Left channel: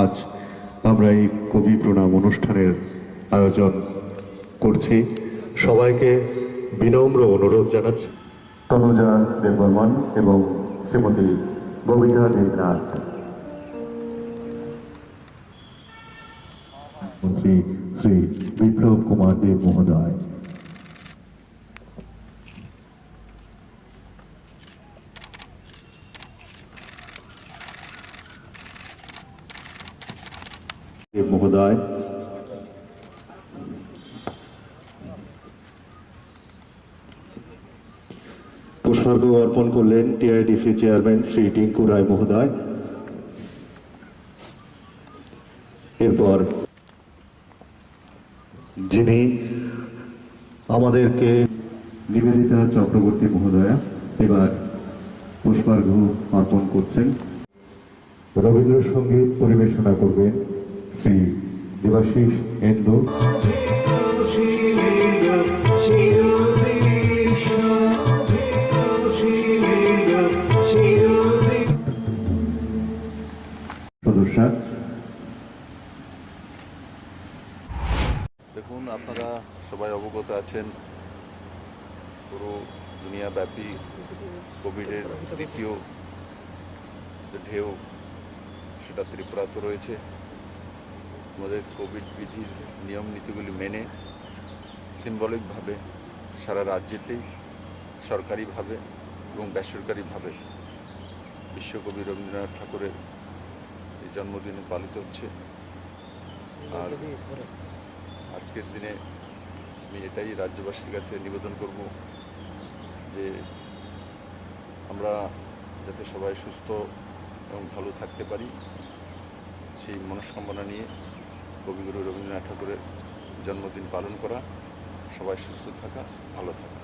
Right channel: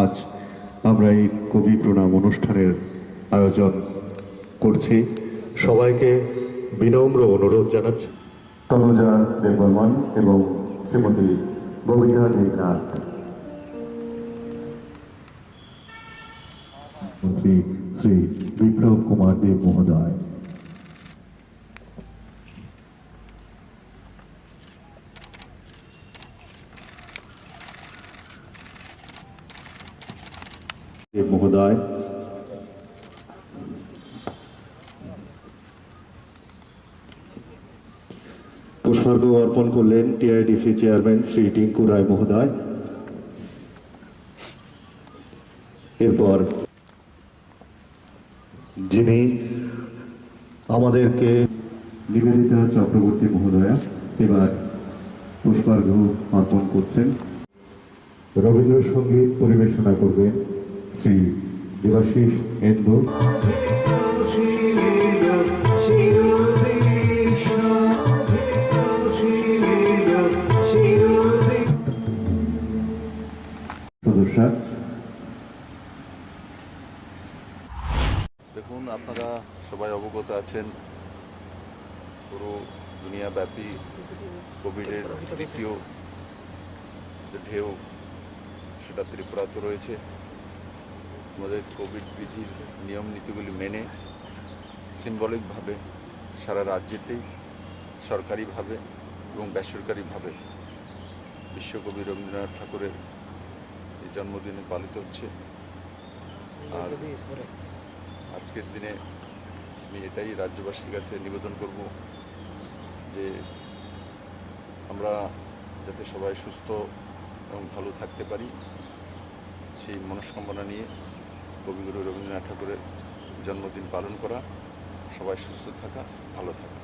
আজ আমরা এই কবি প্রণাম অনুষ্ঠানের আয়োজন করছি। সবাইকে বিনম্র অনুরোধ জানাচ্ছি তনুজা দেববর্মন এবং শ্রীমতী গোবিন্দা দেবনাথ, মন্ত্রী শ্রী বিপ্লব কুমার দেব মহোদয়, দেব মহোদয়, পুষ্পার্ঘ অর্পণ করলেন টিআইডিসি চেয়ারম্যান শ্রী টিঙ্কু রায় মহোদয়। এরপর যিনি আমাদেরকে নিবেদিতা চক্রবর্তী মহোদয়া এবার পুষ্পার্ঘ অর্পণ করছেন। রবীন্দ্রসঙ্গীত পরিবেশনা করবেন শ্রী দেবাশিস এন্দু। দেখুন, আপনারা সবাই অবগত আছেন পুরো দুনিয়াব্যাপী কোভিডের দ্বিতীয় যে ঢেউ সেটা ত্রিপুরাতে রয়েছে। আমাদের কোভিড বিধির নিয়ম নীতিগুলি মেনে সিম্বলিকভাবে সারা রাজ্যেতেই সরকারিভাবে এবং বেসরকারিভাবে বিশ্বকবি রবীন্দ্রনাথ ঠাকুরের এই জন্মদিনে পালিত হচ্ছে। আর আজকের দিনে আমি এটাই রাজ্যবাসীর কাছে নিবেদন করব যে আমরা যাতে সবাই সুস্থ এবং ভালো থাকতে পারি, সেই মনস্কামনা নিয়ে কবিগুরু রবীন্দ্রনাথ ঠাকুরের জন্মদিন পালন করা, সবাই সুস্থ থাকা, ভালো থাকা।